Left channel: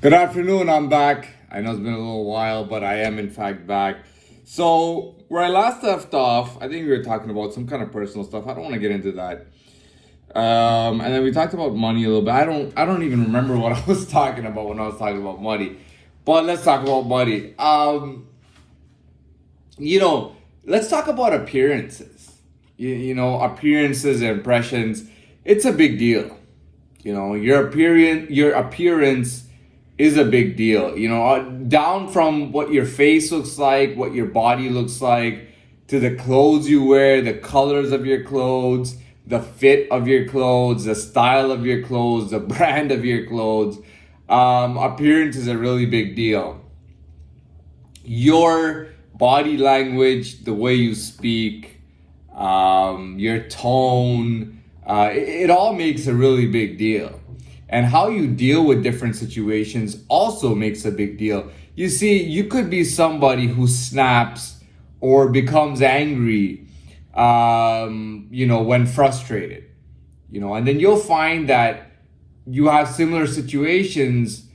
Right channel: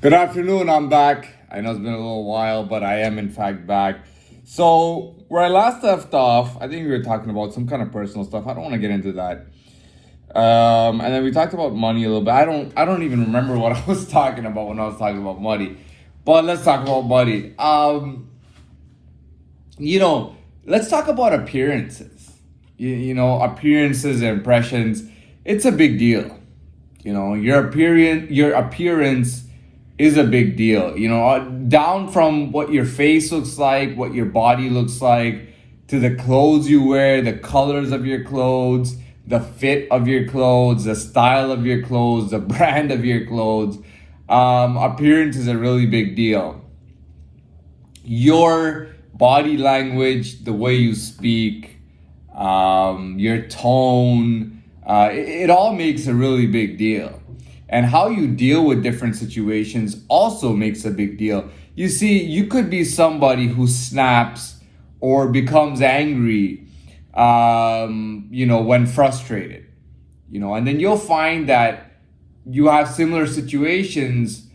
Good afternoon, I'm back. I know it's been a little while, but I am in fact back. So, where I last left off, I think we were talking about some kind of personal stuff. I don't want to get into that. And then we talked about money a little bit. I don't even remember what I was talking about when I was talking about money. But let's talk about money. Let's talk about appearances. Appearances and impressions. It's a big deal. Your appearance is a big deal. Down from what your face looks like, what your body looks like, to the clothes you wear, the colors of your clothes, the fit of your clothes, the style of your clothes, the brand of your clothes. Appearance is a really big deal. Your body language, the way you speak, your tone, it all makes a really big deal. And how you deal with different situations also makes a big deal. You see, you could be somebody who snaps or becomes angry, when frustrated, and then you'll find that you have similar situations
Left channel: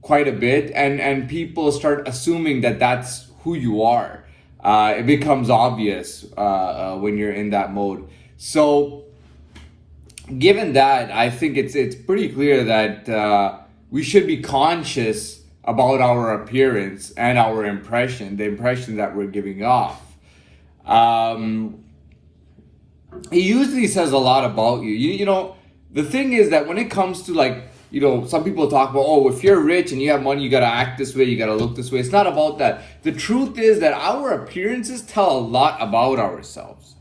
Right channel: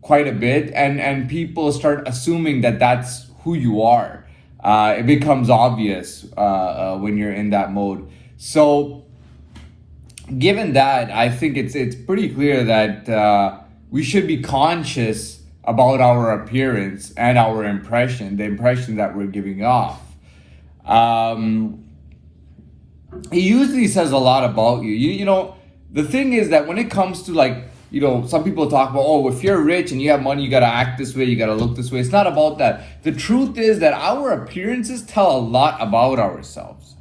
quite a bit, and people start assuming that that's who you are. It becomes obvious when you're in that mode. So, given that, I think it's pretty clear that we should be conscious about our appearance and our impression, the impression that we're giving off. It usually says a lot about you. The thing is that when it comes to some people talk about, oh, if you're rich and you have money, you gotta act this way, you gotta look this way. It's not about that. The truth is that our appearances tell a lot about ourselves.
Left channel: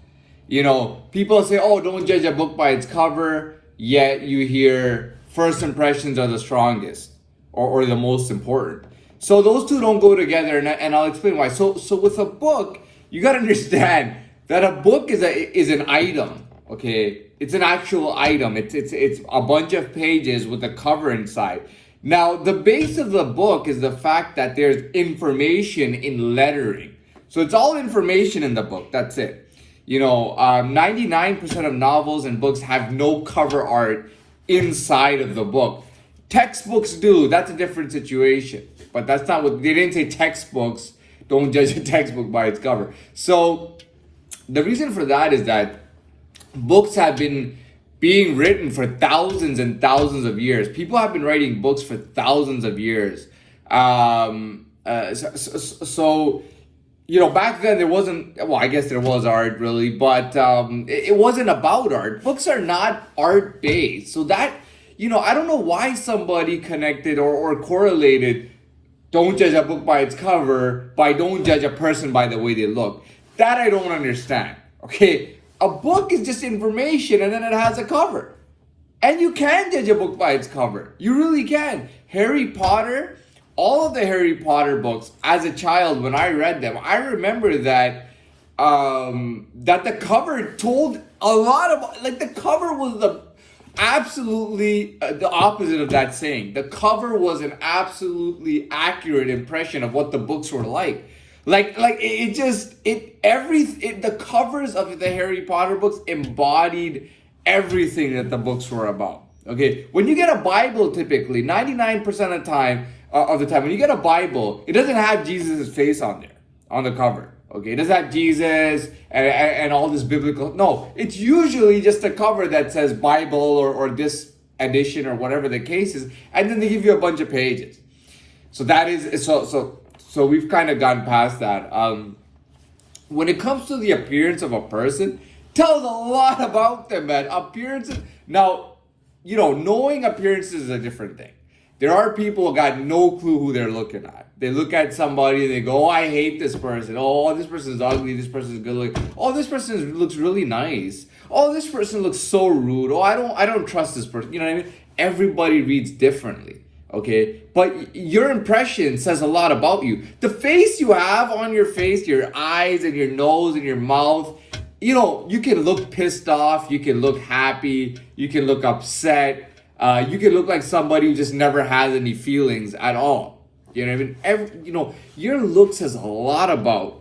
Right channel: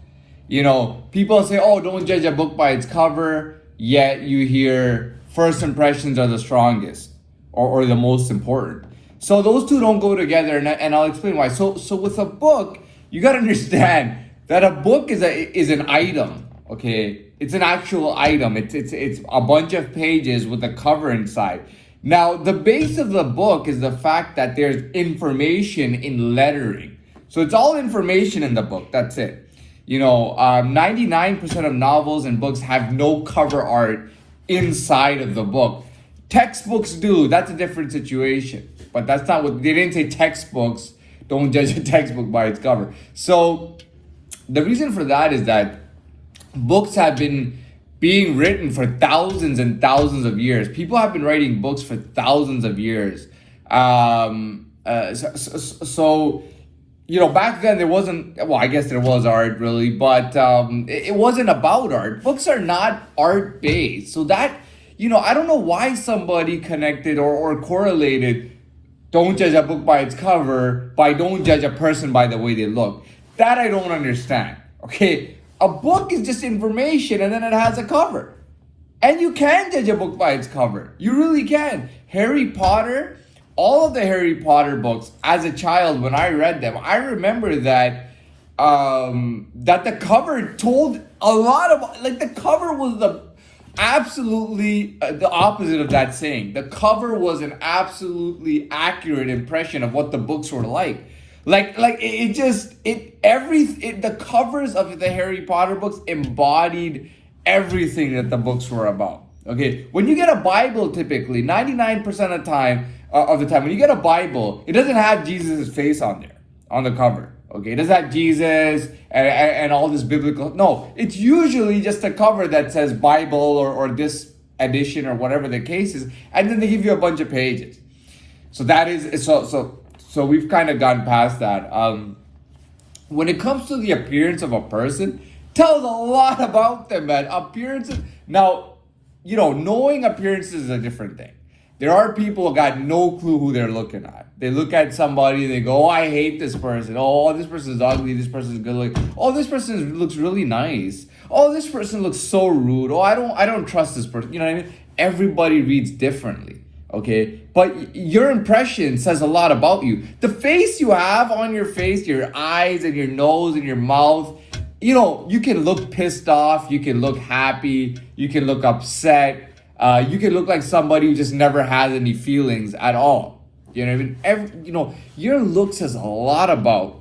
People say, oh, don't judge a book by its cover, yet you hear first impressions are the strongest or the most important. So those two don't go together, and I'll explain why. So with a book, you got to understand that a book is an item, okay? It's an actual item. It's a bunch of pages with a cover inside. Now, the base of the book is the fact that there's information in lettering. So it's all information in the book. That's it. 99% of novels and books have no cover art inside of the book. Textbooks do. That's a different situation. But that's not what they didn't say. Textbooks, don't judge a textbook by its cover. So the reason for that is that books have been being written for thousands and thousands of years. People have been writing books for thousands of years. Back then there wasn't, well, I guess there was art really, but it wasn't about art. Books are not art based. So that, I don't know why somebody connected or correlated don't judge a book by its cover by don't judge a person by the way they look. That I don't understand. Okay, a book is just information and then it has a cover. And you can judge a book by its cover. You really can. Harry Potter, all of the Harry Potter books, as a child, when I read them, I remember that the cover told a lot of, the cover was absolutely the opposite of that saying. The cover was an absolutely accurate impression of what the books were like. The covers of the Harry Potter books embodied everything that the books were about. Okay, when you get a Bible, typically 99% of the time, when you get a Bible, it doesn't have Jesus' face on there, on the cover. Okay, it doesn't have Jesus and all this biblical. No, it's usually just a cover that says Bible or this edition or whatever the case is, and then they give you a bunch of pages. So that is so we've kind of gotten past that. When it comes to the appearance of a person, tells a lot about them, man. Appearances. Now, knowing appearances is a different thing. There are people who got no clue who they're looking at. They look at somebody, they go, oh, I hate this person. Oh, this person's ugly. This person's good looking. Oh, this person looks really nice. Oh, this person looks so rude. Oh, I don't trust this person. You know what I mean? Everybody reads differently, okay? But your impression says a lot about you. The face you have on your face, your eyes and your nose and your mouth, you can look pissed off. You can look happy. You can look upset. You can look like somebody who just never has any feelings at all. You know what I mean? Your look says a lot about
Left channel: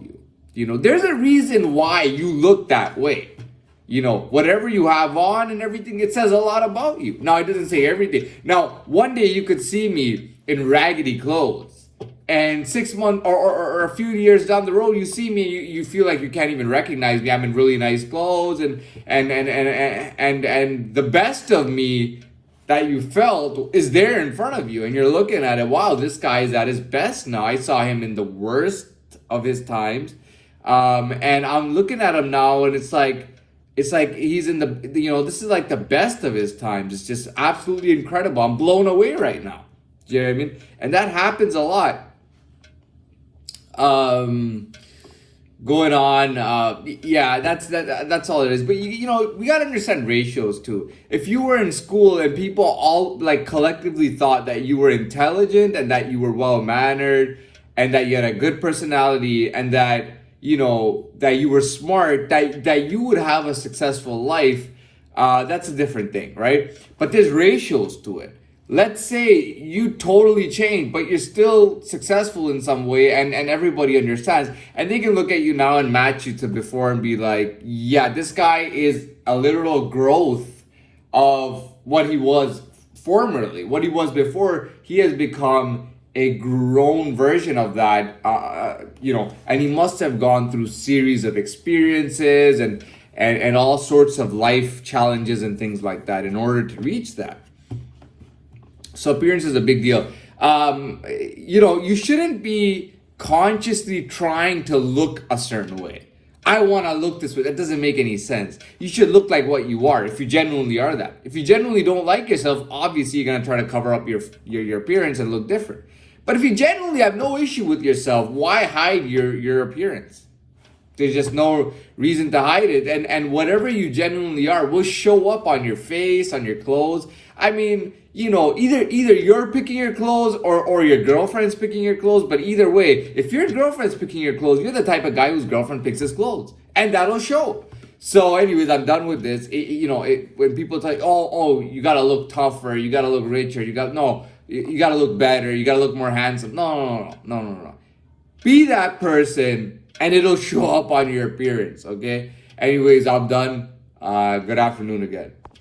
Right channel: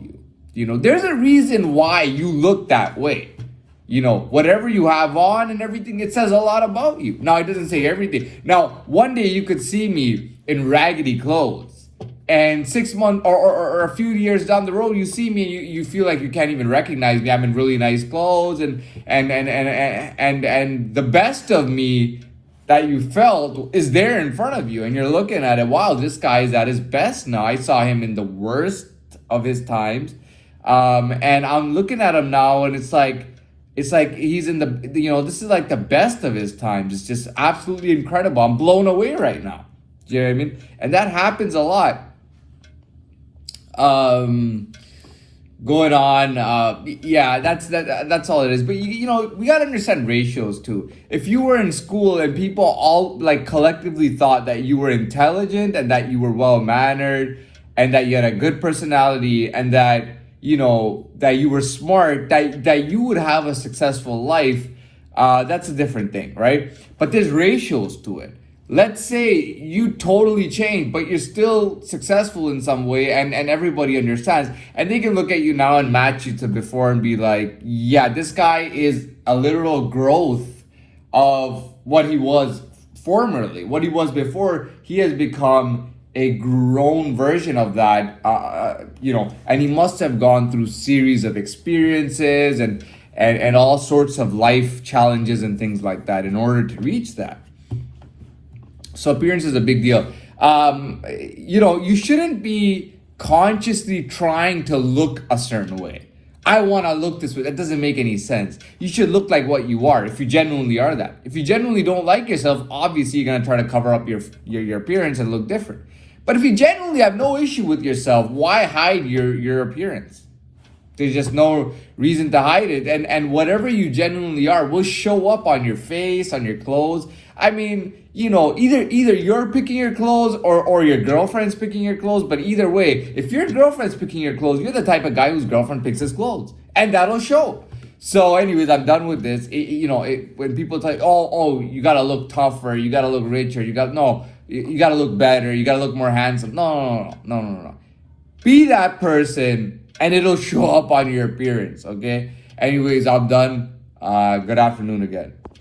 you. There's a reason why you look that way. whatever you have on and everything, it says a lot about you. Now, it doesn't say everything. Now, one day you could see me in raggedy clothes, and 6 months or a few years down the road, you see me, you feel like you can't even recognize me. I'm in really nice clothes, and the best of me that you felt is there in front of you, and you're looking at it. Wow, this guy is at his best now. I saw him in the worst of his times, and I'm looking at him now, and it's like he's in the, this is like the best of his times. It's just absolutely incredible. I'm blown away right now. Do you know what I mean? And that happens a lot. Going on, that's all it is. But we gotta understand ratios too. If you were in school and people all like collectively thought that you were intelligent and that you were well mannered and that you had a good personality and that that you were smart, that you would have a successful life, that's a different thing, right? But there's ratios to it. Let's say you totally change, but you're still successful in some way, and everybody understands. And they can look at you now and match you to before and be like, yeah, this guy is a literal growth of what he was formerly. What he was before, he has become a grown version of that, and he must have gone through series of experiences and all sorts of life challenges and things like that in order to reach that. So appearance is a big deal. You shouldn't be consciously trying to look a certain way. I want to look this way. That doesn't make any sense. You should look like what you are if you genuinely are that. If you genuinely don't like yourself, obviously you're going to try to cover up your appearance and look different. But if you genuinely have no issue with yourself, why hide your appearance? There's just no reason to hide it. And whatever you genuinely are will show up on your face, on your clothes. I mean, either you're picking your clothes or your girlfriend's picking your clothes. But either way, if your girlfriend's picking your clothes, you're the type of guy whose girlfriend picks his clothes. And that'll show. So anyways, I'm done with this. When people tell you, oh, you got to look tougher, you got to look richer, you got to look better, you got to look more handsome. No. Be that person and it'll show up on your appearance, okay? Anyways, I'm done. Good afternoon again.